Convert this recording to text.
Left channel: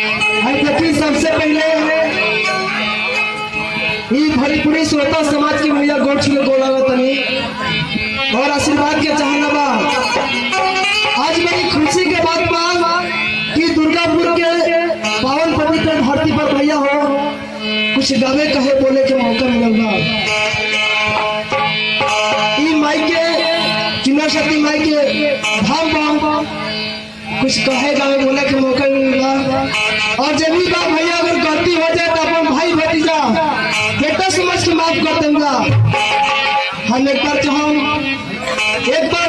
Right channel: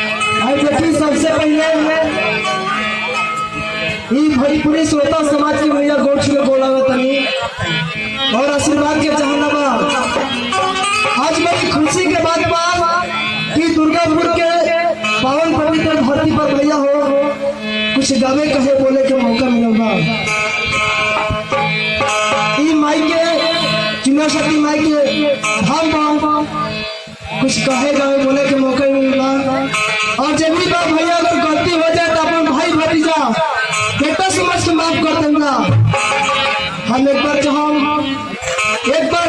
सबसे पहले भोजपुरी श्रोता समाज की भैया गोड़ छुले गोला तनी और आशीर्वाद के चाहना बा। आज मेरी खुशी के बात बा कि दुर्गापुर के पावन पवित्र धरती पर भैया हो कुछ गावे कहे बोले के मौका मिलल बा। माई के चुना शक्ति माई के धाम बा कुछ कहे गावे बोले के मौका मिलल बा। और जब भी बात भैया अगर गलती हो जाए तो अपन भाई भतीजा बेटा समझ के माफ कर दूंगा। हम एक बार